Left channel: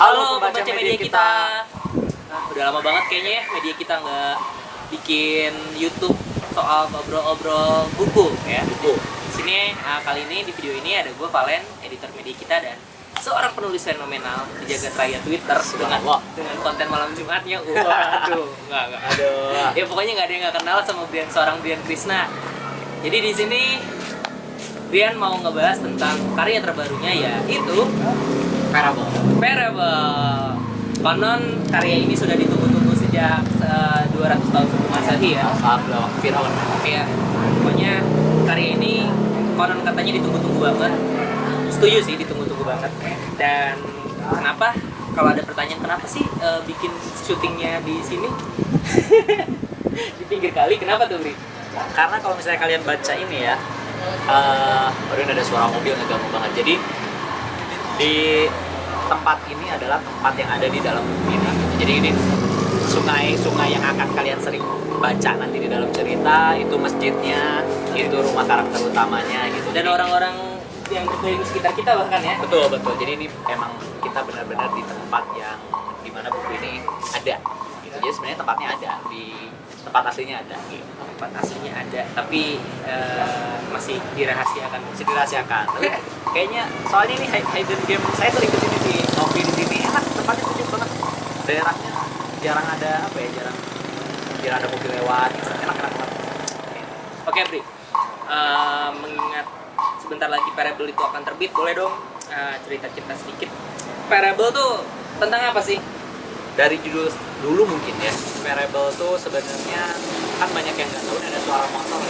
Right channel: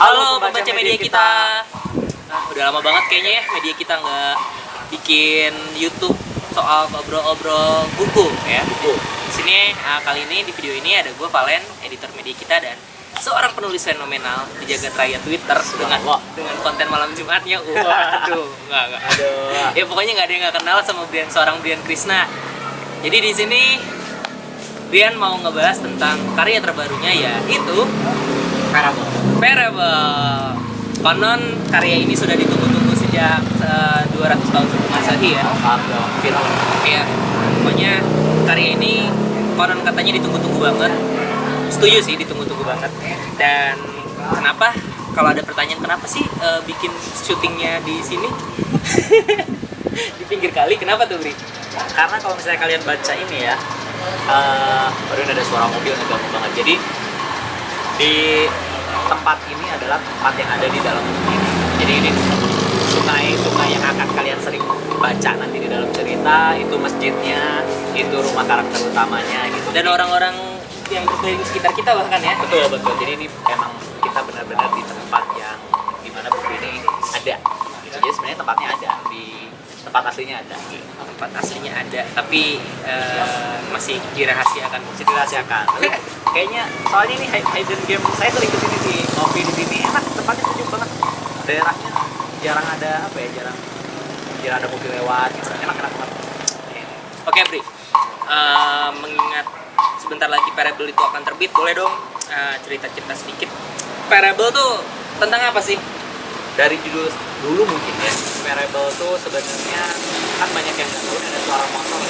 Halo pembaca media kita. Nah, udah lama banget kayaknya ya media kita nggak bikin YouTube soal obrol-obrol buku ya. Buku. Di sini kali ini di video ini ada gue Valen, editor media kita, dan seorang penulis fenomenal di jagat raya Twitter dengan konten malam Jumatnya. Waduh, enggak. Aduh. Ya pokoknya nggak ada yang nggak kenal sama seorang Brian Krishna. Jadi di sini Brian mau ngebahas tentang karya terbarunya, yaitu Parable. Konon karya ini sudah ditunggu-tunggu sejak 200 tahun sebelum Masehi ya. Viral. Iya. Pokoknya karya ini konon katanya ditunggu-tunggu banget. Setuju sih, ditunggu-tunggu banget. Dan kenapa? Kalau ada pertanyaan kenapa sih bikin syutingnya di sini? Di pinggir kali, kenapa tuh, Bri? Karena kalau misalnya kalian baca ini ya, baru ada suara mobil ngeganggu banget. Jadi di tempat ini adalah tempat yang ada di dalam buku ini. Jadi ini sungai yang akan kalian sering baca nanti di dalam cerita. Itu masjidnya, itu rumah karakter utamanya gitu. Dan orang-orang yang berkeliling sekitar kita bahkan ya. Betul. Jadi ini emang kita benar-benar di tempat yang dimana buku ini ada. Gitu. Jadi sebenarnya tempatnya ada, di tempat aslinya ada. Tempat aslinya ada, tapi masih dirahasiakan. Tapi kayaknya soalnya ini hidden game, saya sering kesini sih, ngopi di sini enak, tempatnya sejuk banget. Daerahnya jarang ada jarang ada mobil lewat, gitu. Enak banget. Oke, Bri. Mengingat sebentar lagi Parable itu akan terbit, boleh dong cerita-cerita sedikit. Parable tuh tentang apa sih? Dari judul dulu mungkin ya, Parable tuh sebenarnya kan banyak yang nggak tahu ada suara motor.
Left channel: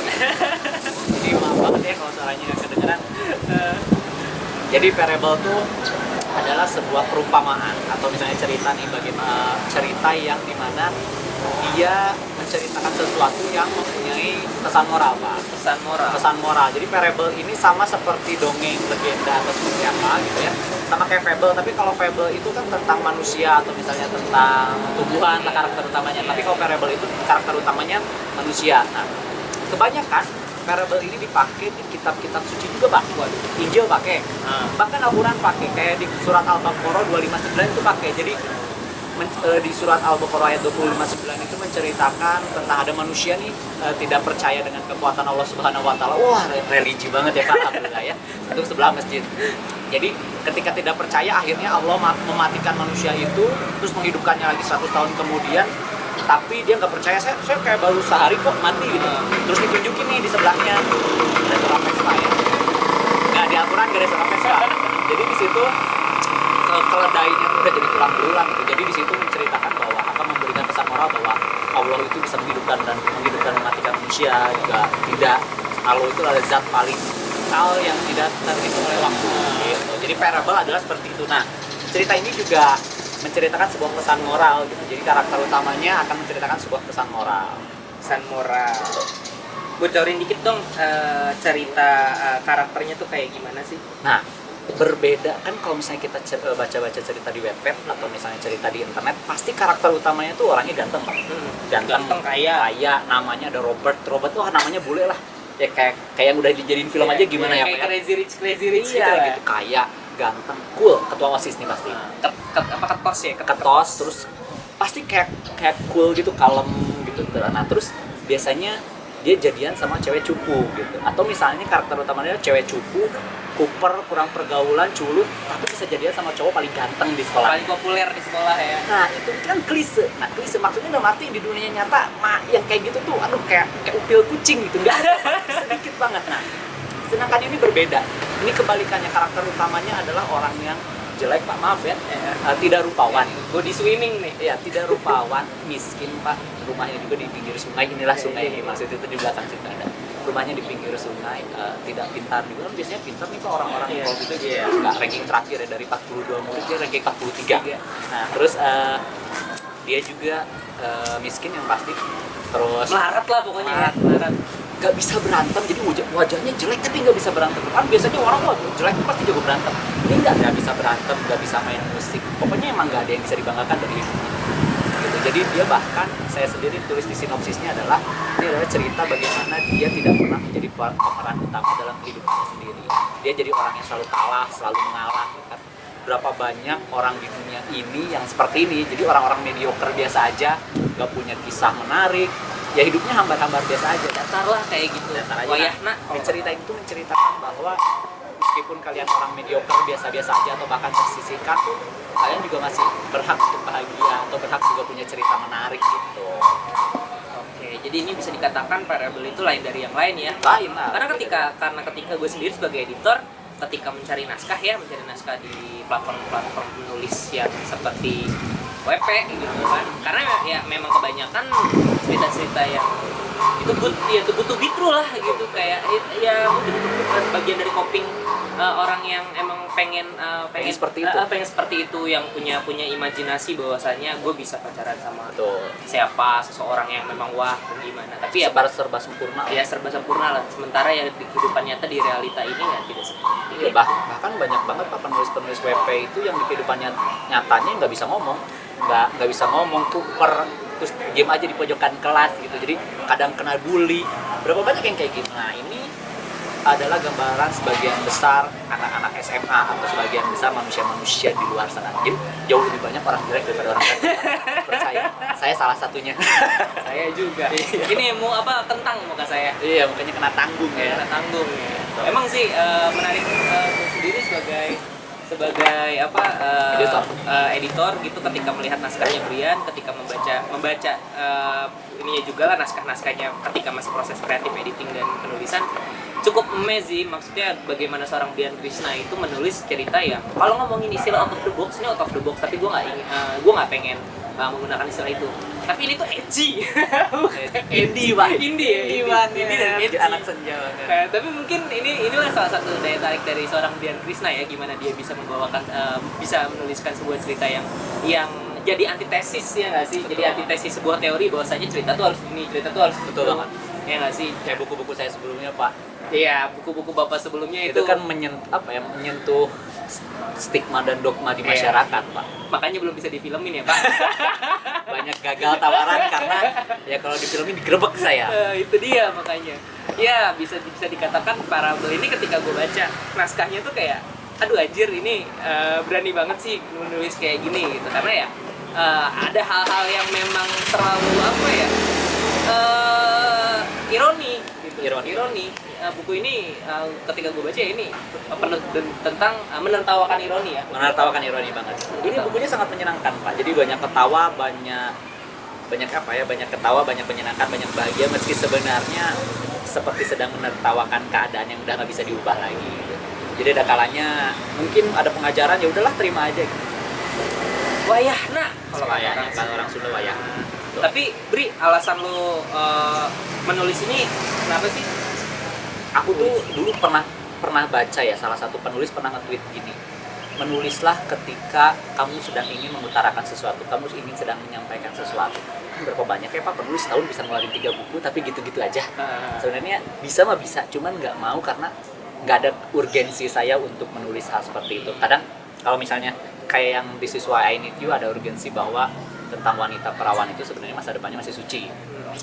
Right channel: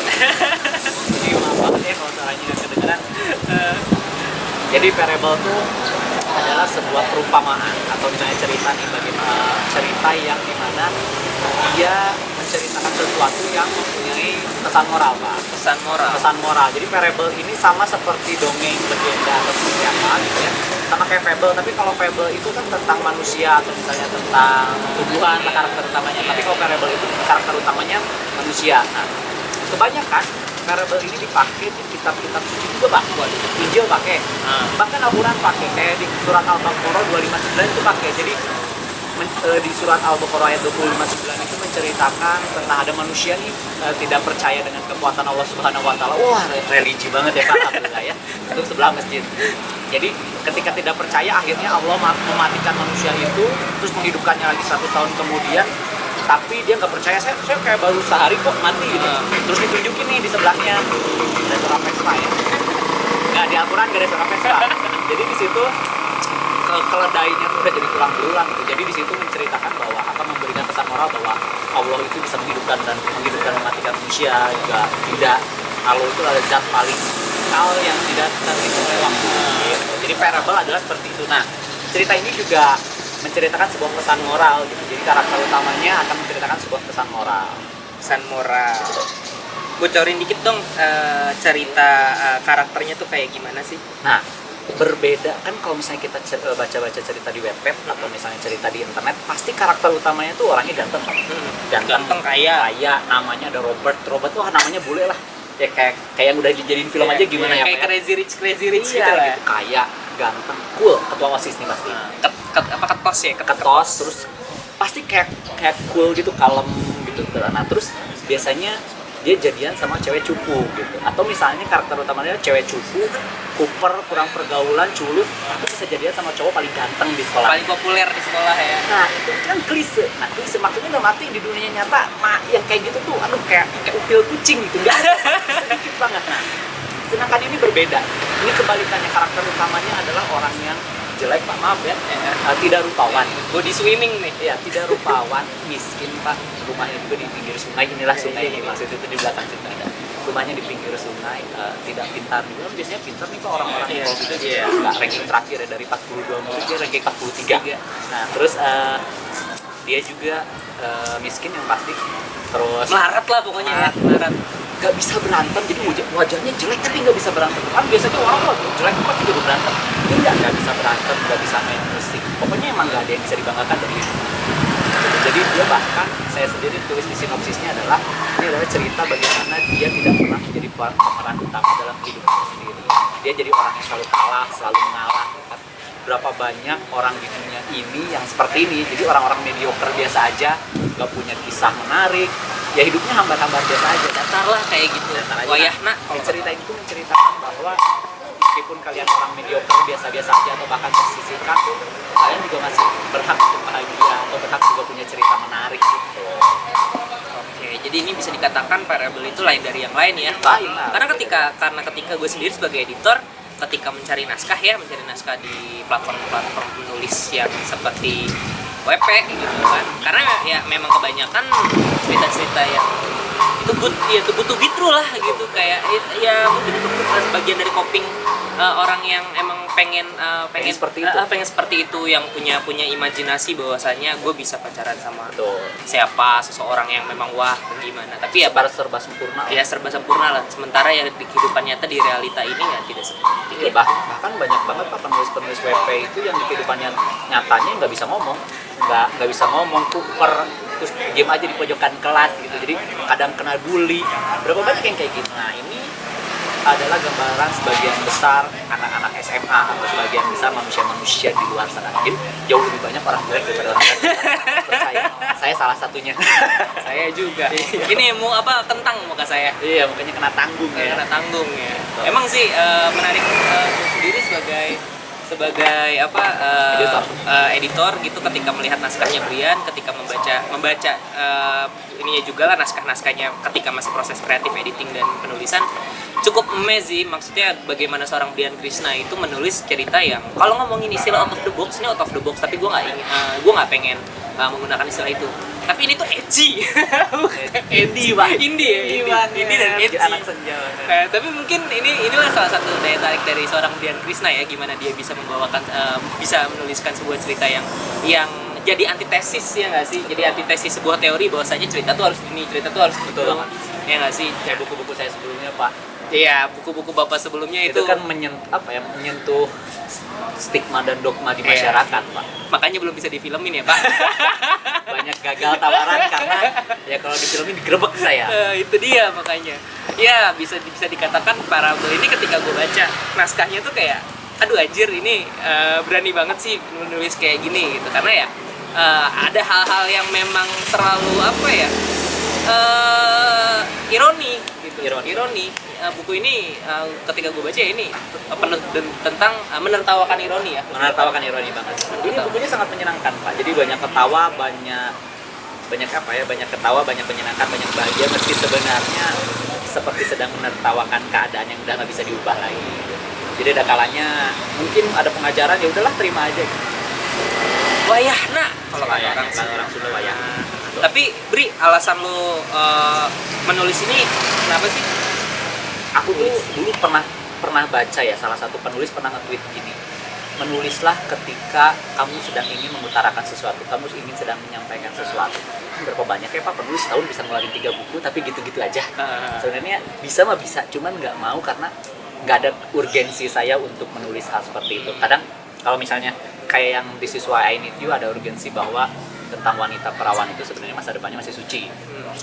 Jadi maaf banget ya kalau suaranya nggak kedengeran. Jadi Parable tuh adalah sebuah perumpamaan atau misalnya cerita nih, bagaimana cerita yang dimana dia menceritakan sesuatu yang mempunyai pesan moral, Pak. Pesan moral. Jadi Parable ini sama seperti dongeng, legenda atau seperti apa gitu ya. Sama kayak fable, tapi kalau fable itu kan tentang manusia atau misalnya tentang tumbuhan karakter utamanya. Tapi kalau Parable itu karakter utamanya manusia. Nah, kebanyakan Parable ini dipakai di kitab-kitab suci juga, Pak. Injil pakai. Bahkan Al-Quran pakai, kayak di surat Al-Baqarah 259 itu pakai. Jadi di surat Al-Baqarah ayat 259 itu menceritakan tentang ada manusia nih tidak percaya dengan kekuatan Allah Subhanahu wa taala. Wah, religi banget ya, Pak. Alhamdulillah ya. Itu sebelah masjid. Jadi ketika tidak percaya, akhirnya Allah mematikan manusia itu, terus menghidupkannya lagi 100 tahun kemudian. Tapi dia nggak percaya, saya kayak baru sehari kok mati gitu. Terus ditunjukin nih di sebelahnya ada suara Vespa ya. Nggak, di Al-Quran nggak ada suara Vespa. Jadi di situ keledainya tuh udah jadi tulang belulang gitu. Jadi di situ menceritakan bahwa akan memberikan pesan moral bahwa Allah itu bisa menghidupkan dan mematikan manusia juga tidak. Allah itu adalah zat paling kekal yang tidak terhitung oleh waktu. Gitu. Jadi Parable adalah seperti itu. Nah, cerita ini juga menceritakan sebuah pesan moral gitu. Jadi karakter utamanya akan menceritakan sebuah pesan moral. Bocorin dikit dong cerita karakternya tuh kayak gimana sih? Nah, berbeda kan kalau misalnya kita baca-baca cerita di webpad atau misalnya cerita di internet, pasti karakter utamanya tuh orangnya ganteng. Ganteng kaya, namanya ada Robert, wah namanya bule lah. Ya kayak yang udah dijadiin film aja gimana ya? Kayak Crazy Rich gitu lah. lah. Gitu, kaya, ganteng, cool, ketua OSIS nih pasti. Ketos, terus pasti kayak cool gitu, kalem gitu. Nah, terus biasanya dia jadian sama cewek cupu gitu. Atau misalnya karakter utamanya cewek cupu, kuper, kurang pergaulan, culun, tapi bisa jadian sama cowok paling ganteng di sekolah. Paling populer di sekolah ya. Nah, itu kan klise. Nah, klise maksudnya dalam arti di dunia nyata, yang kayak gitu tuh, kayak upil kucing gitu, enggak ada, sedikit banget. Nah, sedangkan ini berbeda. Ini kebalikannya, karakter utamanya adalah orang yang jelek, Pak, maaf ya, tidak rupawan. Body swimming nih. Iya, tidak rupawan, miskin, Pak. Rumahnya juga di pinggir sungai, inilah sungai ini, maksud itu di belakang situ ada. Rumahnya di pinggir sungai, tidak pintar juga. Biasanya pintar nih Pak orang-orang kalau gitu, nggak ranking terakhir ya, dari 42 murid dia ranking 43. Nah, terus dia juga miskin yang pasti. Terus melarat lah pokoknya ya, melarat. Gak bisa berantem, jadi wajahnya jelek tapi nggak bisa berantem. Kan biasanya orang jelek pasti juga berantem. Ini nggak bisa berantem, nggak bisa main musik. Pokoknya emang nggak ada yang bisa dibanggakan dari hidup. Jadi dia bahkan, saya sendiri tulis di sinopsisnya adalah, ini adalah cerita bagaimana dia tidak pernah menjadi pemeran utama dalam hidupnya sendiri. Dia jadi orang yang selalu kalah, selalu mengalah. Kan? berapa banyak orang di dunia ini yang seperti ini. Jadi orang-orang mediocre biasa aja, nggak punya kisah menarik, ya hidupnya hambar-hambar biasa aja. Datar lah kayak gitu. Datar aja. Wayahna Kalau ceritain itu menceritakan bahwa meskipun kalian orang mediocre biasa-biasa aja atau bahkan tersisihkan, kalian juga masih berhak untuk bahagia atau berhak juga punya cerita menarik gitu. Oke, jadi ini bisa dikatakan Parable itu lain dari yang lain ya. Lain lah. Karena ketika gue sendiri sebagai editor, ketika mencari naskah di platform penulis yang seperti WP gitu kan. Karena ya memang kebanyakan cerita-cerita yang itu butuh bitru lah gitu, kayak ya mungkin itu bagian dari coping orang yang emang pengen seperti itu yang punya imajinasi bahwasanya gue bisa pacaran sama siapa seseorang yang memang wah gimana, tapi ya serba sempurna ya serba sempurna lah, sementara ya di kehidupan nyata di realita ini ya tidak seperti itu. Bahkan banyak banget pak penulis WP itu yang di kehidupan nyatanya nggak bisa ngomong, nggak bisa ngomong, kuper, terus game aja di pojokan kelas gitu, jadi kadang kena bully, berapa banyak yang kayak gitu. Nah ini adalah gambaran sebagian besar anak-anak SMA atau sebagian besar manusia-manusia di luar sana. Jadi jauh lebih banyak orang jelek daripada orang baik. Percaya, saya salah satunya. Saya juga. Ini mau apa, kentang muka saya. Iya, mukanya kena tanggung ya. Kena tanggung ya. Emang sih menarik gue sendiri sebagai editor gitu, ketika melihat naskahnya Brian, ketika membaca ininya juga lah naskahnya ketika masih proses kreatif editing dan penulisan, cukup amazing. Maksudnya bagaimana seorang Brian Krishna itu menulis cerita yang kalau ngomongin istilah out of the box, ini out of the box, tapi gue nggak pengen menggunakan istilah itu. Tapi ini tuh edgy. Indie pak. Indie dan edgy. Anak senja. Tapi mungkin inilah salah satu daya tarik dari seorang Brian Krishna ya, gimana dia bisa membawakan bisa menuliskan sebuah cerita yang jadi antitesis ya nggak sih? Jadi antitesis sebuah teori bahwasanya cerita tuh harus ini, cerita tuh harus betul banget. Ya nggak sih? Kayak buku-buku saya sebelumnya pak. Iya, buku-buku bapak sebelumnya itu kan menyentuh stigma dan dogma di masyarakat pak. Makanya belum bisa difilmin ya pak. Banyak gagal tawaran karena ya kalau difilmin digerebek saya. Itu dia makanya. Ya bisa dikatakan Parable ini ketika gue baca naskahnya tuh kayak, aduh anjir ini berani banget sih menulis kayak gini gitu, karena ya ada hal-hal yang memang terlalu ironi gitu. Ironi. Buku ini ketika gue baca ya, ini penuh tentang menertawakan ironi ya. Menertawakan ironi banget. Ini bukunya sangat menyenangkan pak. Jadi banyak ketawa, banyak ketawa, banyak menyenangkan, banyak bahagia, meski sebenarnya seperti sedang menertawakan keadaan yang udah nggak bisa diubah lagi. Jadi ada kalanya mungkin ada pengajaran, ya udahlah terima aja. Wayahna kalau orang Sunda wayahna. Tapi Bri, alasan lo menulis ini kenapa sih? Aku tuh dulu pernah baca ya, salah satu penulis pernah nge-tweet gini, menulislah ketika kamu sedang ingin mengutarakan sesuatu, kamu ingin sedang menyampaikan sesuatu. Berapa banyak ya pak penulis tahun bisa ngeluarin 3 buku tapi gitu-gitu aja. Sebenarnya bisa mah bisa, cuman nggak mau karena nggak ada urgensi saya untuk menulis hal seperti itu. Kadang kalau misalnya kayak yang This Is Why I Need You, ada urgensi bahwa tentang wanita perawan itu sebenarnya masa depannya masih suci.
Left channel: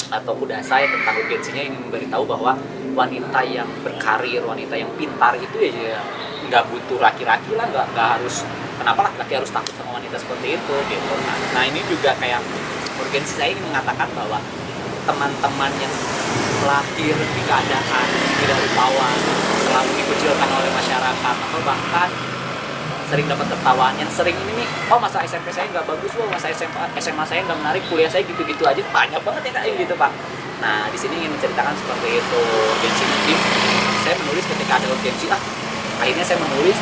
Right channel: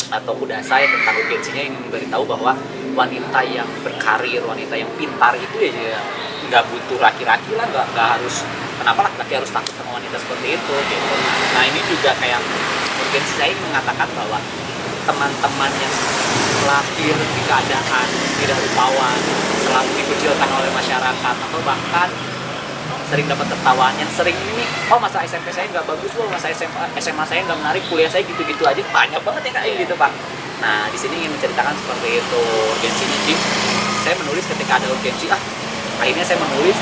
Atau udah saya tentang urgensinya ingin memberitahu bahwa wanita yang berkarir, wanita yang pintar itu ya nggak butuh laki-laki lah, nggak harus, kenapa laki-laki harus takut sama wanita seperti itu gitu. Nah ini juga kayak urgensi saya ingin mengatakan bahwa teman-teman yang lahir di keadaan tidak rupawan, selalu dikucilkan oleh masyarakat, atau bahkan sering dapat tertawaan, yang sering ini, oh masa SMP saya nggak bagus, masa SMA saya nggak menarik, kuliah saya gitu-gitu aja, banyak banget ya kayak gitu pak. Nah di sini ingin menceritakan seperti itu urgensinya. Jadi saya menulis ketika ada urgensi, akhirnya saya menulis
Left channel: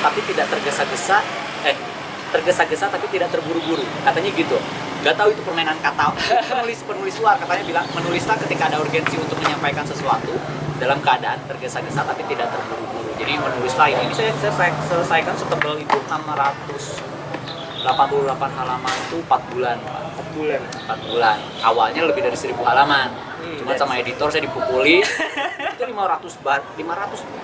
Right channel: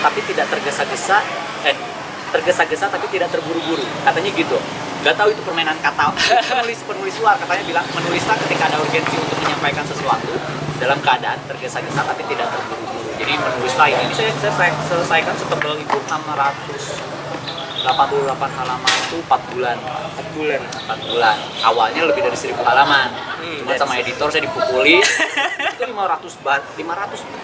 tapi tidak tergesa-gesa, tergesa-gesa tapi tidak terburu-buru, katanya gitu. Nggak tahu itu permainan kata. penulis luar katanya bilang menulislah ketika ada urgensi untuk menyampaikan sesuatu dalam keadaan tergesa-gesa tapi tidak terburu-buru. Jadi menulislah ini saya selesaikan setebal itu 688 halaman itu 4 bulan. Awalnya lebih dari 1000 halaman. Cuma sama editor saya dipukuli itu 500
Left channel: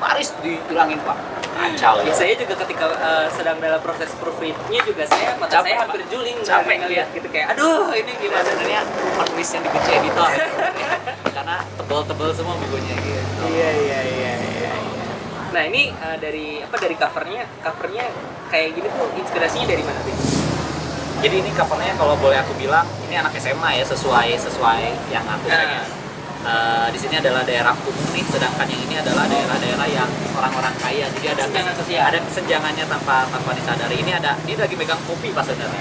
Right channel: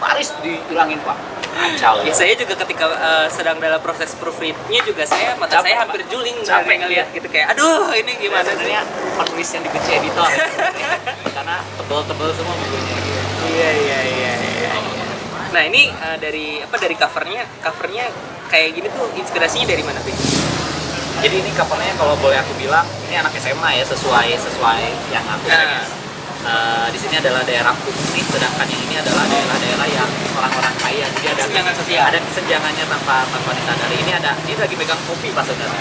baris dihilangin pak. Kacau. Ya saya juga ketika sedang dalam proses proofreadnya juga mata saya hampir juling capek ngelihat gitu, kayak aduh ini gimana. Sebenarnya penulis yang dibenci editor karena tebel-tebel semua bukunya gitu. Iya. Nah ini dari covernya kayak gini tuh inspirasinya dari mana tuh? Jadi ini covernya kalau boleh aku bilang ini anak SMA ya, sesuai yang aku pengen. Di sini adalah daerah Kupni, sedangkan yang ini adalah daerah-daerah yang orang-orang kaya. Jadi ada kesenjangan sosial. Ada kesenjangannya tanpa disadari. Ini lagi megang kopi pas saudara.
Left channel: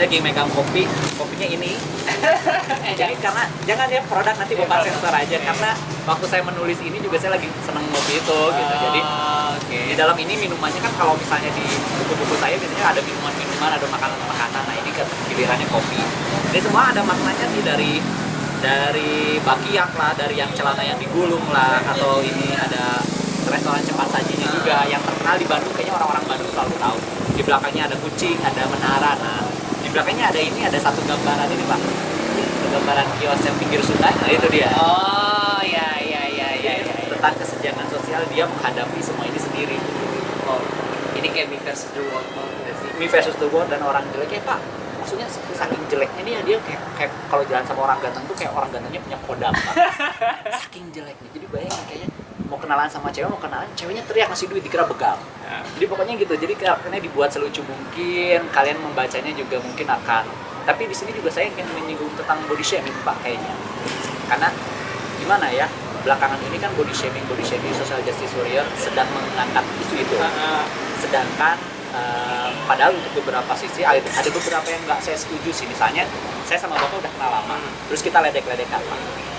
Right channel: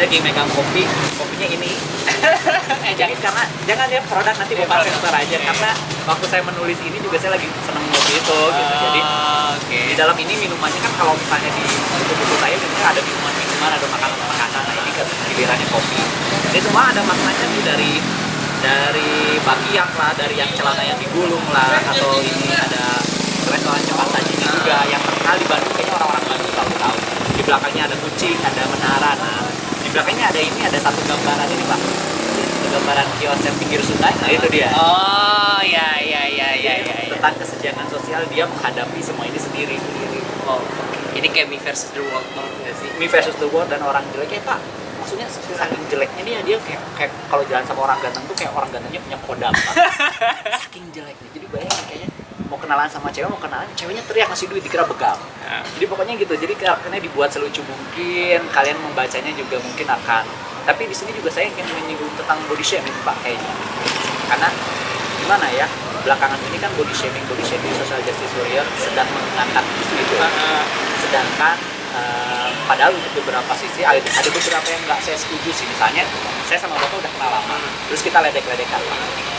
Dia lagi megang kopinya ini. Jadi karena jangan ya produk nanti bapak sensor aja, karena waktu saya menulis ini juga saya lagi seneng ngopi itu gitu. Jadi di dalam ini minumannya kan kalau misalnya di buku-buku saya biasanya ada minuman-minuman, ada makanan-makanan. Nah ini gilirannya kopi. Ini semua ada maknanya sih dari bakiak lah, dari yang celana yang digulung lah, atau ini ada restoran cepat sajinya juga yang terkenal di Bandung, kayaknya orang-orang Bandung selalu tahu. Di belakangnya ada kucing, ada menara. Nah di belakangnya ada satu gambaran ini Pak, gambaran kios yang pinggir sungai. Nah itu dia. Oh ya. Tentang kesenjangan sosial, dia menghadapi semua ini sendiri. Oh, ini kayak Me versus the World nggak sih? Me versus the World dan orang jelek Pak. Maksudnya saking jeleknya dia kayak kalau jalan sama orang ganteng tuh kayak orang gantengnya punya kodam Pak. Saking jeleknya. Jadi bayangin kayaknya mau kenalan sama ceweknya teriak ngasih duit dikira begal. Jadi pokoknya gitu. Jadi karena dibuat selucu mungkin, kalian membacanya juga mungkin akan. Tapi di sini juga saya ingin menyinggung tentang body shaming Pak kayaknya. Karena gimana ya? Belakangan ini kan body shaming social justice warrior sedang mengangkat isu itu. Sedangkan padahal untuk beberapa sisi ada beberapa yang nggak saya setuju sih. Misalnya saya sama bapak udah kenal lama, terus kita ledek-ledekan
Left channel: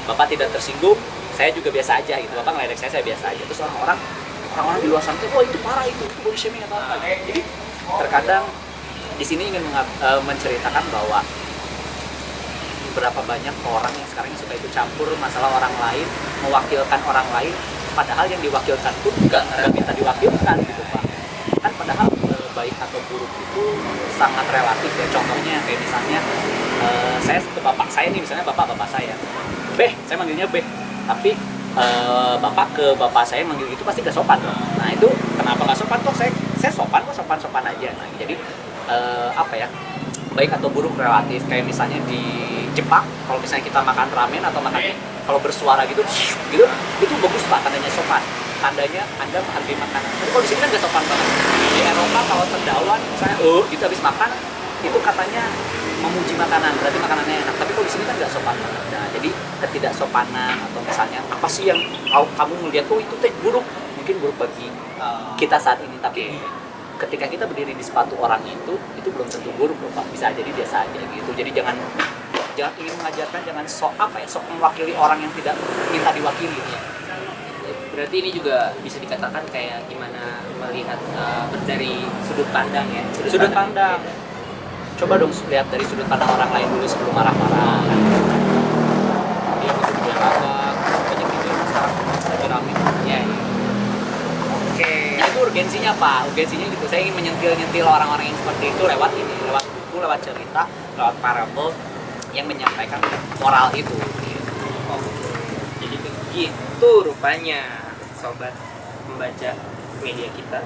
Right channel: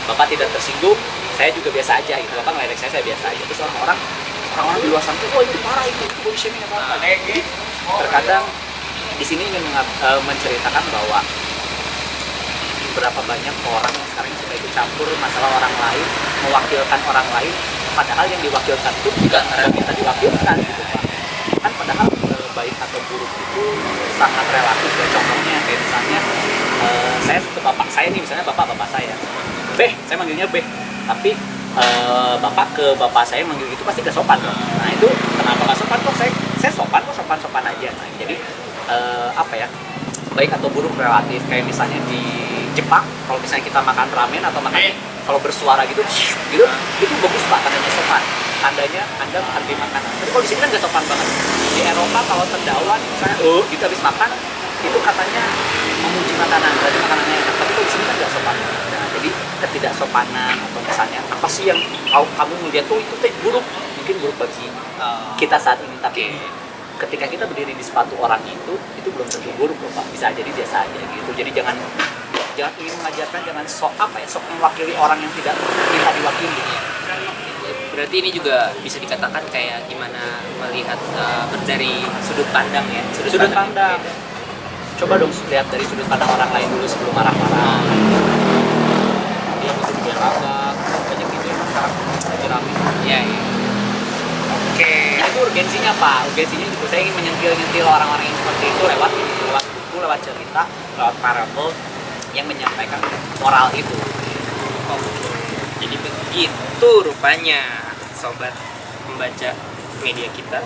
bapak tidak tersinggung, saya juga biasa aja gitu. Bapak ngeledek saya biasa aja. Terus orang-orang di luar sana tuh, oh itu parah, itu body shaming apa. Jadi terkadang di sini ingin menceritakan bahwa berapa banyak orang yang sekarang suka ikut campur masalah orang lain, mewakilkan orang lain, padahal yang diwakilkan tuh nggak minta diwakilkan gitu Pak. Kan padahal baik atau buruk itu sangat relatif ya. Contohnya kayak misalnya saya ke bapak saya nih, misalnya bapak saya saya manggilnya Beh, tapi bapak ke bapak saya manggil gitu pasti gak sopan dong. Nah itu kenapa gak sopan kok? Saya sopan aja. Nah jadi apa ya, baik atau buruk relatif. Kayak misalnya di Jepang kalau misalnya kita makan ramen atau makan kalau bersuara gitu itu bagus Pak, tandanya sopan, tandanya Anda menghargai makanan. Tapi kalau di sini kan gak sopan banget. Di Eropa kalau sendawan misalnya gitu habis makan itu katanya memuji makanan, berarti makanannya enak. Tapi kalau di sini kan gak sopan. Nah jadi ketidaksopanan atau misalnya apa sih yang kamu melihat itu buruk, mungkin buruk bagi kita saat ini, tapi ketika kita berdiri di sepatu orang itu belum tentu buruk loh Pak, bisa jadi biasa aja gitu. Jadi jangan ingin mengajarkan, jangan sok mewakili orang yang tidak minta diwakili. Berarti ini juga bisa dikatakan kayak gimana melihat dari sudut pandang ya. Sudut pandang. Coba dong lihat dari sudut pandang orang lain dulu sebelum marah-marah. Dia itu juga agak banyak gitu yang sekarang lagi rame. Iya. Oke. Nah, itu urgensinya Pak. Urgensinya gitu. Saya ingin menyentil orang-orang yang seperti itu lewat buku, lewat cerita, lewat parable yang menyampaikan moral itu. Jadi begitu rupanya sobat membaca media kita.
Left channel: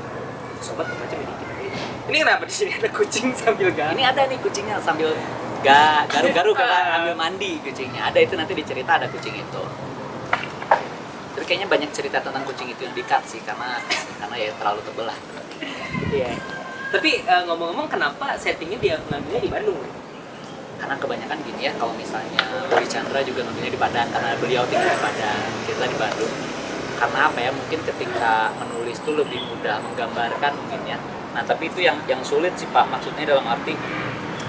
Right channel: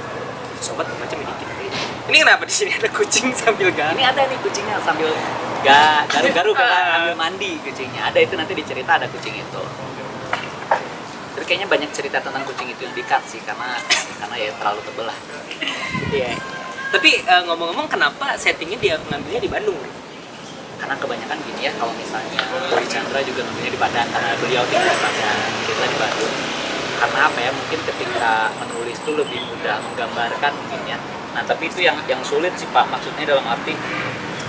Ini kenapa di sini ada kucing sambil Ini ada nih kucingnya sambil garu-garu karena ambil mandi kucingnya. Ada itu nanti dicerita ada kucing itu. Tapi kayaknya banyak cerita tentang kucing itu yang di-cut sih karena ya terlalu tebel lah. Iya. Tapi ngomong-ngomong kenapa settingnya dia ngambilnya di Bandung? Karena kebanyakan gini ya, kalau misalnya Boy Chandra juga ngambilnya di Padang karena beliau tinggal di Padang, kita di Bandung. Karena apa ya, mungkin ketika menulis tuh lebih mudah menggambarkan mungkin ya. Nah tapi itu yang sulit sih Pak, maksudnya dalam arti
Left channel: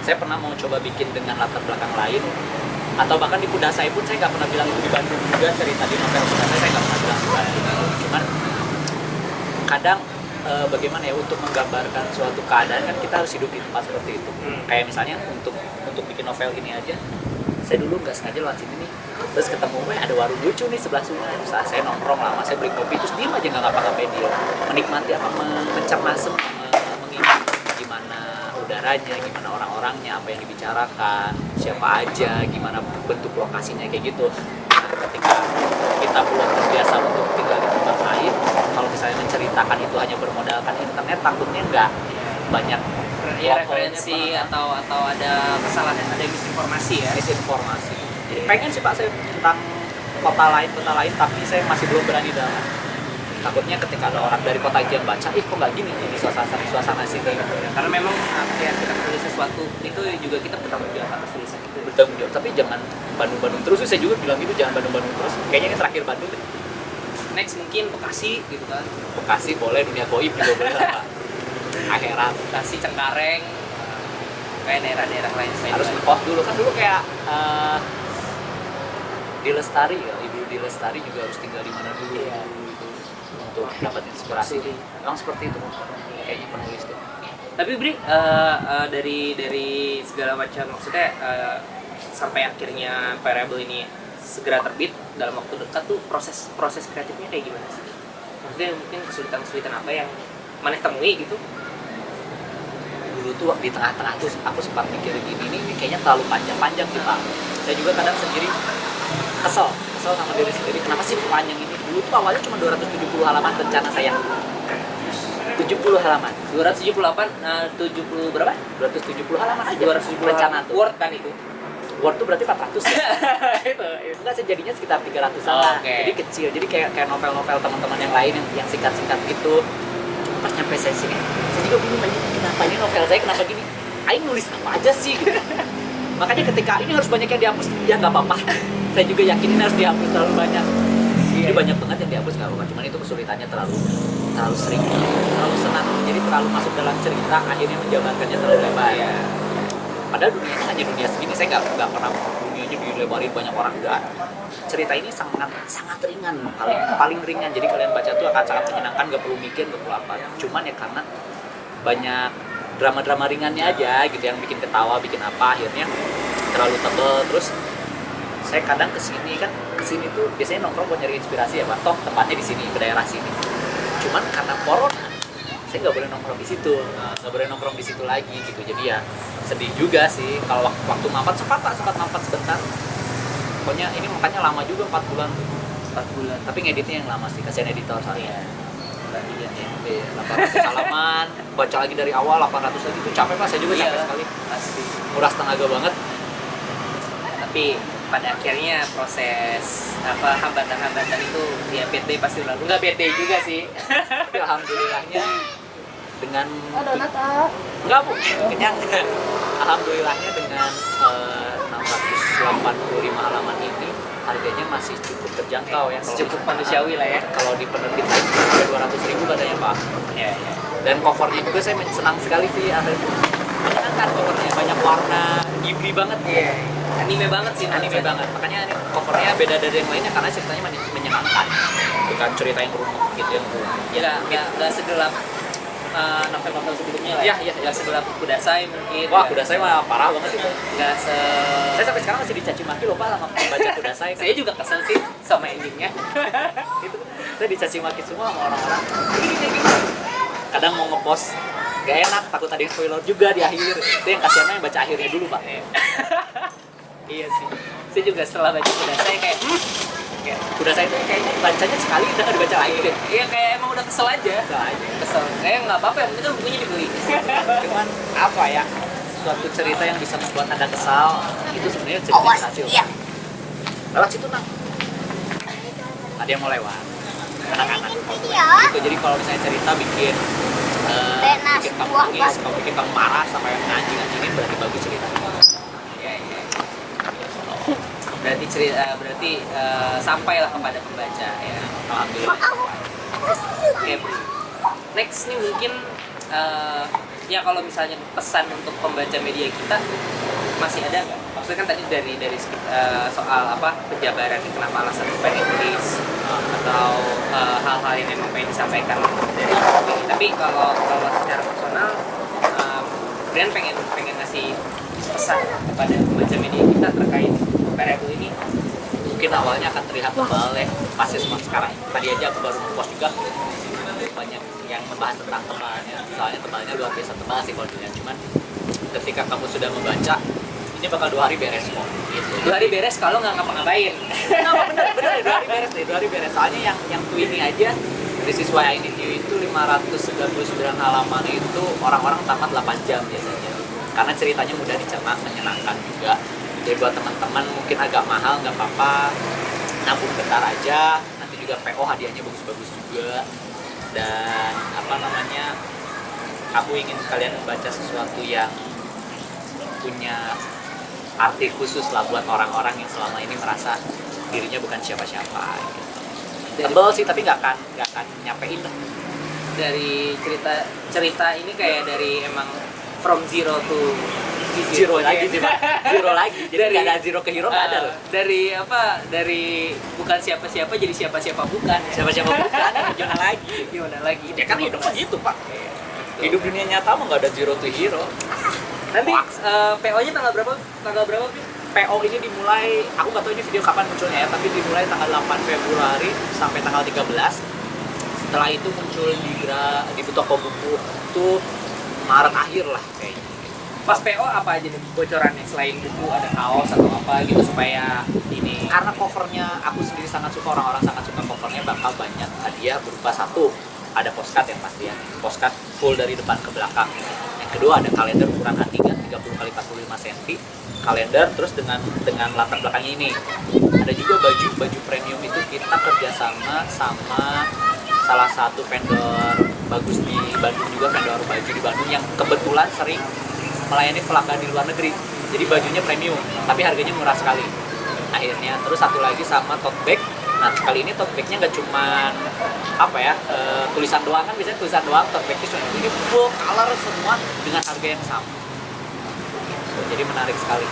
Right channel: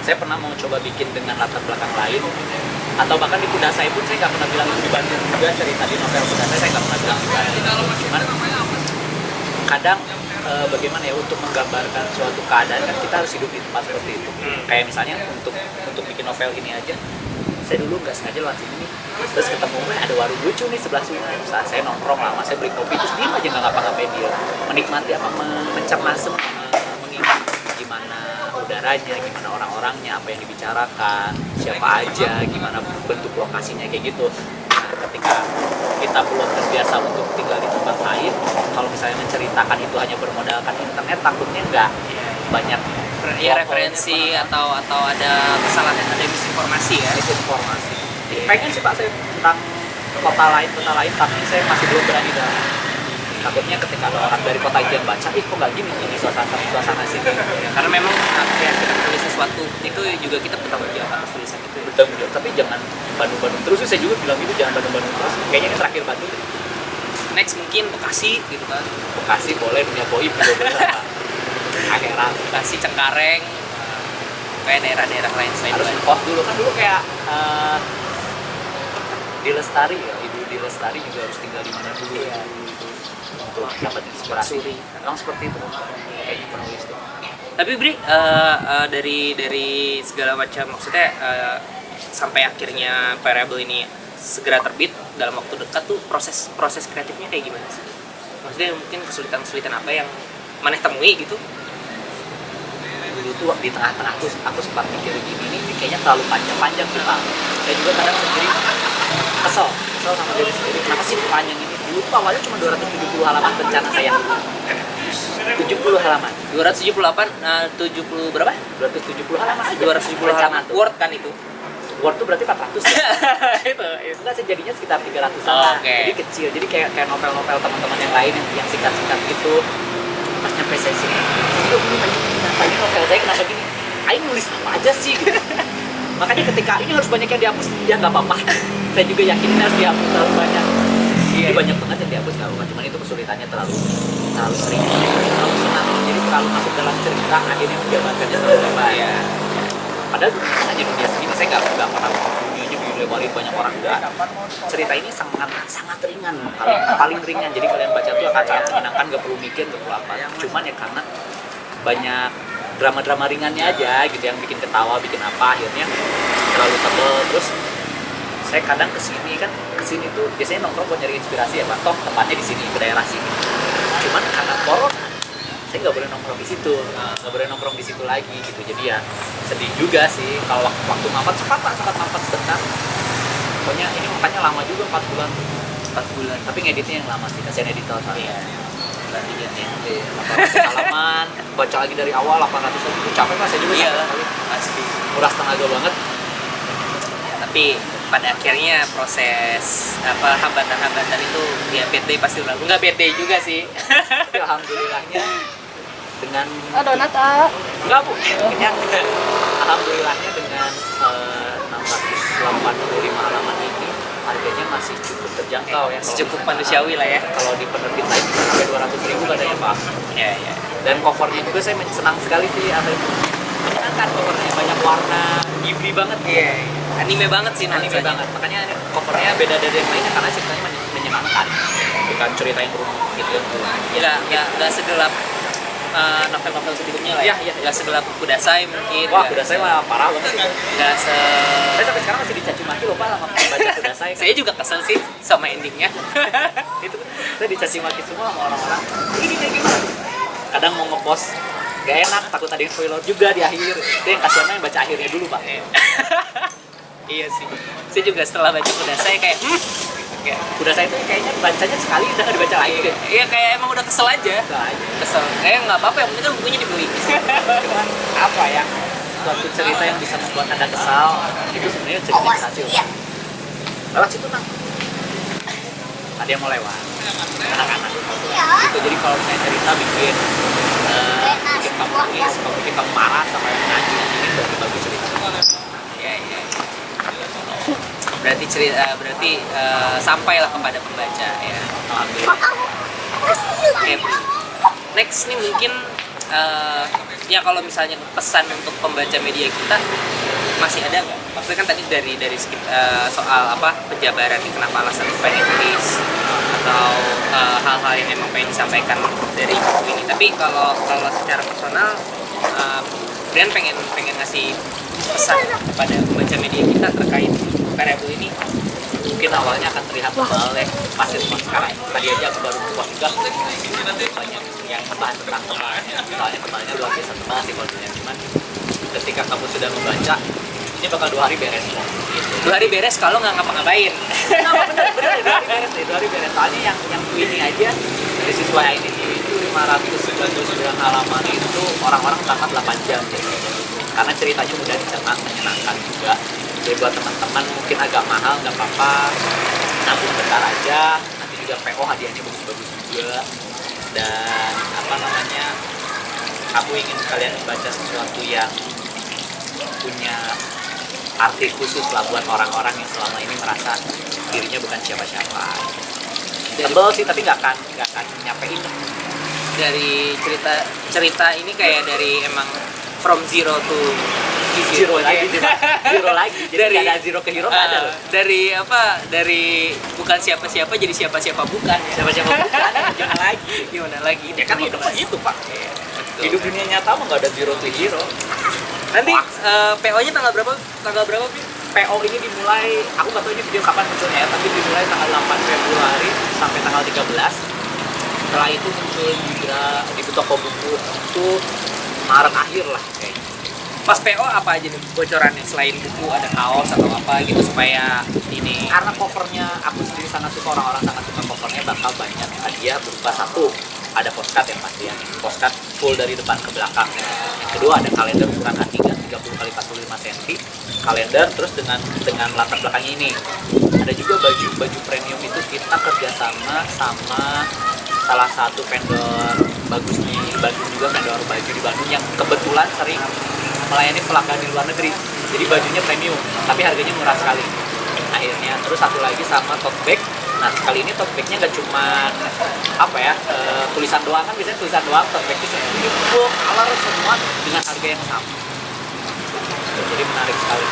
saya pernah mau coba bikin dengan latar belakang lain, atau bahkan di kuda saya pun saya nggak pernah bilang itu di Bandung juga, cerita di novel kuda saya nggak pernah bilang di Bandung. Cuman kadang bagaimana ya, untuk menggambarkan suatu keadaan kan kita harus hidup di tempat seperti itu. Kayak misalnya untuk bikin novel ini aja, saya dulu nggak sengaja lewat sini nih, terus ketemu ada warung lucu nih sebelah sungai. Saat saya nongkrong lama, saya beli kopi terus diem aja nggak ngapa-ngapain, dia menikmati mencermati, mengingat gimana udaranya, gimana orang-orangnya, apa yang dibicarakan, siapa aja, gimana bentuk lokasinya kayak gitu. Nah ketika kita belum terbiasa untuk tinggal di tempat lain, kalau misalnya menceritakan itu hanya bermodalkan internet, takutnya nggak banyak ya referensi atau ada kesalahan, ada misinformasi ya. Misinformasi. Pengen sih Pak saya tentang kota lain, tapi saya masih belum berani dalam. takutnya ketika ada orang dari kota itu yang baca, kok nggak gini di suasana sini. Ya, karena memang ya kita tulis sesuatu itu juga kita bertanggung jawab atas tulisan itu. Bertanggung jawab, tapi jangan Bandung-Bandung terus. Saya juga bilang gitu, jangan Bandung-Bandung terus. Kayaknya ini terakhir Bandung. Next mungkin Bekasi gitu kan. Bekasi boleh, dunia goib juga boleh lah. Akhirat. Bekasi, Cengkareng, kayak daerah-daerah lain selain Harus Bandung. ngekos dulu kan, dulu kayak di Lestari ya, ibu di Lestari juga harus tinggal di mana dulu ya, untuk dapat inspirasi. Memang seperti itu kayaknya penulis tuh. Tapi Bri, dari segala macam maksudnya sampai akhirnya Variable ini segera terbit dalam waktu dekat tuh proses kreatifnya kayak gimana sih? Maksudnya mungkin kesulitan apa yang maneh temui gitu? Dulu tuh di tengah-tengah tuh aku sempat mikir gini, ini kayaknya terlalu panjang sih Pak. Saya juga kadang sendiri kesel sama diri sendiri, kenapa sih panjang ini. Dulu tuh awalnya cuma 270 halaman rencana saya, 70 halaman 278, 70 berapa? 270 halaman aja 270 rencana halaman tuh. Word kan itu? Word tuh berarti 400 ya? Itu. Enggak, sejadinya sekitar 300 lah. Oke. Jadi kecil, jadi kayak novel-novel teman-teman yang lain yang singkat-singkat gitu. Pas nyampe saya sini, saya juga bingung aja, kenapa ini novel saya kenapa gini? Aing nulis apa aja sih gitu. Makanya ketika ini harus banyak yang dihapus, ya nggak apa-apa. Saya juga yakin ini harus dihapus terlalu banyak. Jadi banyak banget yang dihapus nggak apa-apa. Cuman itu kesulitannya terlalu sering, terlalu senang. Jadi terlalu masuk dalam cerita, akhirnya menjabarkannya terlalu lebar. Iya. Padahal dunia kan hanya dunia segini, saya nggak pernah dunianya dilebarin banyak orang, enggak. Cerita ini sangat ringan, paling ringan. Jadi kalian baca tuh akan sangat menyenangkan, nggak perlu mikir, nggak perlu apa. Cuman ya karena banyak drama-drama ringannya aja gitu yang bikin ketawa, bikin apa, akhirnya terlalu tebel. Terus saya kadang kesini tuh biasanya nongkrong buat nyari inspirasi ya Pak. Toh tempatnya di sini, ke daerah sini. Cuman karena corona, saya nggak boleh nongkrong di situ, nggak boleh nongkrong di situ lagi gitu. Jadi ya sedih juga sih kalau waktu mampet sempat mampet sebentar. Pokoknya ini makanya lama juga 4 bulan. Tapi ngeditnya yang lama sih, kasihan editor soalnya. Iya. Iya, 800 halaman, baca lagi dari awal 800 lagi itu capek Mas, saya juga capek sekali. Pasti. Nguras tenaga banget. Tapi pada akhirnya proses hambatan-hambatan itu ya bad pasti lalu. Nggak bad juga sih. Tapi alhamdulillahnya dengan donat enggak Bu, kenyang. Alhamdulillahnya dengan 685 halaman ini harganya masih cukup terjangkau ya. Cukup manusiawi lah ya. Kalau di penerbit lain sampai 200.000 katanya Pak. Iya. Dan covernya juga saya senang sekali sih, menyenangkan covernya, banyak warna, Ghibli banget. Iya. Anime banget sih Anime nuansanya. banget, makanya covernya beda dari yang lainnya karena ceritanya menyenangkan, bukan cerita yang rumit gitu yang Nggak segelap novel-novel sebelumnya lah. Iya. Nggak segelap Kudasai mungkin. Wah, Kudasai mah parah banget itu. Nggak se. Saya sampai sekarang masih dicaci maki loh Pak sama pembaca Kudasai. Saya juga kesel sih sama endingnya. Itu saya dicaci maki semua sama orang-orang. Ini kayak gimana? Kadang mau ngepost gak enak, takut ada yang spoiler juga di akhir. Itu yang kasihannya yang baca akhirnya dulu Pak. Iya sih. Saya juga setelah baca Kudasai kayak Kudasai itu kayaknya bacanya sekali udah gak dibaca lagi deh. iya kayak emang udah kesel aja. Kesel. Kayak nggak apa-apa, yang penting kan bukunya dibeli. Cuman apa ya, suatu cerita yang bisa membuat Anda kesal itu sebenarnya cerita yang berhasil. Lewat situ Nang, ada yang mau lewat, anak-anak gitu. Jadi kalau misalnya cerita bikin kamu nangis, bikin kamu marah sampai anjing-anjingin, berarti bagus cerita. Iya. Berarti sampailah kepada pembaca ya. Alhamdulillah. Oke, next nih mungkin ya kalau misalnya pesan untuk pembaca media kita masih ada nggak? Maksudnya kan tadi dari soal penjabaran nih, kenapa alasan pengen tulis atau hal-hal yang memang pengen disampaikan dari buku ini. Tapi kalau secara personal, Brian pengen ngasih pesan kepada pembaca media kita terkait Variable ini. Mungkin awalnya akan terlihat tebal ya, masih sekarang. Tadi aja aku baru mempost juga banyak yang membahas tentang tebalnya. Soalnya tebalnya luar biasa tebal sih kalau dilihat. Cuman ketika kamu sudah membaca, ini bakal 2 hari beres kok. Gitu. 2 hari beres kalau nggak ngapa-ngapain. Bener 2 hari beres deh, 2 hari beres. Soalnya yang ini aja dari siswa ini itu 599 halaman itu orang-orang tamat 8 jam gitu. Karena ceritanya mudah dicerna, menyenangkan juga. Jadi buat teman-teman mungkin agak mahal nggak apa-apa, nabung bentar aja, nanti juga PO hadiahnya bagus-bagus juga. Dan apa namanya, aku ingin kalian membaca sesuatu yang punya arti khusus lah buat orang-orang yang selama ini merasa dirinya bukan siapa-siapa. Tebel sih tapi nggak akan nyampein lah. Dari cerita ini kayak dari emang from zero to Zero lagi sih, Pak. Zero lagi. Jadi Dari- nggak ada zero ke hero, nggak ada loh. dari bukan siapa-siapa jadi siapa-siapa bukan ya. Siapa-siapa bukan, gimana lagi? Gimana lagi? Ya kan hidup begitu, Pak. Iya, betul. Hidup dunia nyata mah nggak ada zero to hero. Nanti PO-nya tanggal berapa? Tanggal berapa, Pi? PO ini dimulai, aku nggak tahu ini video kapan munculnya ya, tapi dimulai tanggal 8 Februari sampai tanggal 13. Setelah itu muncul di toko buku itu Maret akhir lah kayaknya. Pas PO apa aja nih bocorannya selain buku, ada kaos atau apa gitu supaya ini Karena covernya aku sendiri sangat suka, orang-orang sangat suka covernya, bakal banyak hadiah berupa satu, ada postcard yang pasti ya, postcard full dari depan ke belakang. Yang kedua ada kalender ukuran A3 30 x 45 cm, kalender terus dengan latar belakangnya ini. Ada juga baju premium, itu kita kerjasama sama salah satu vendor bagus di Bandung juga, vendor baju di Bandung yang kebetulan sering melayani pelanggan di luar negeri. Jadi bajunya premium, tapi harganya murah sekali. Akhirnya terus satu lagi sama tote bag. Nah kali ini tote bagnya nggak cuma tulisan doang, kan biasanya tulisan doang, tote bag itu cuma ini full color semua dengan harga yang sama. Jadi menarik sekali.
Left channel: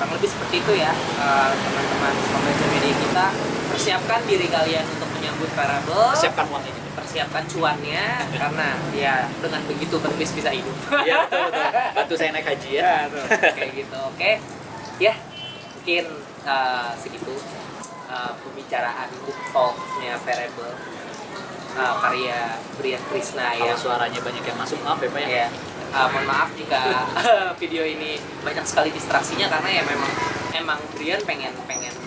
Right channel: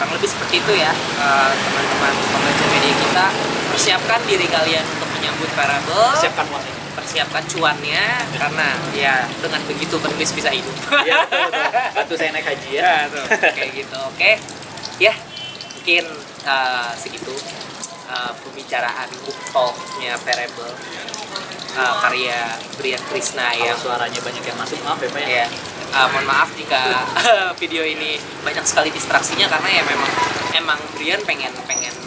kurang lebih seperti itu ya, teman-teman pembaca media kita. Persiapkan diri kalian untuk menyambut Parable, Siapkan uangnya. persiapkan cuannya, karena ya dengan begitu penulis bisa hidup. Iya betul. Bantu saya naik haji ya. Ya, tuh, kayak gitu. Oke. Ya, mungkin segitu pembicaraan book talk-nya Parable, karya Brian Krishna Kalau yang suaranya banyak yang masuk, maaf ya Pak ya. ya, mohon maaf jika video ini banyak sekali distraksinya, karena ya emang Brian pengen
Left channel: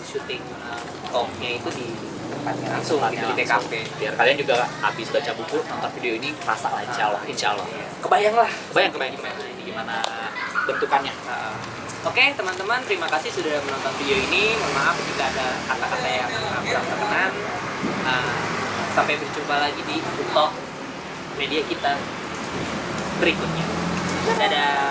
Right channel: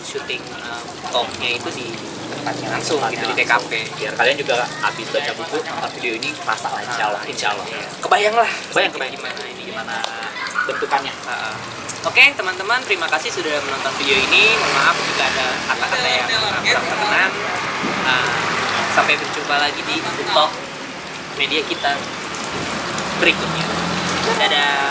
syuting talk-nya itu di tempatnya langsung gitu, di TKP. Biar kalian juga habis baca buku, nonton video ini rasa lah, insya Allah. Iya. Kebayang lah. Bayang gimana ini. gimana bentukannya. Oke teman-teman, terima kasih sudah menonton video ini. Mohon maaf jika ada kata-kata yang kurang berkenan. Sampai berjumpa lagi di Book Talk media kita berikutnya. Dadah.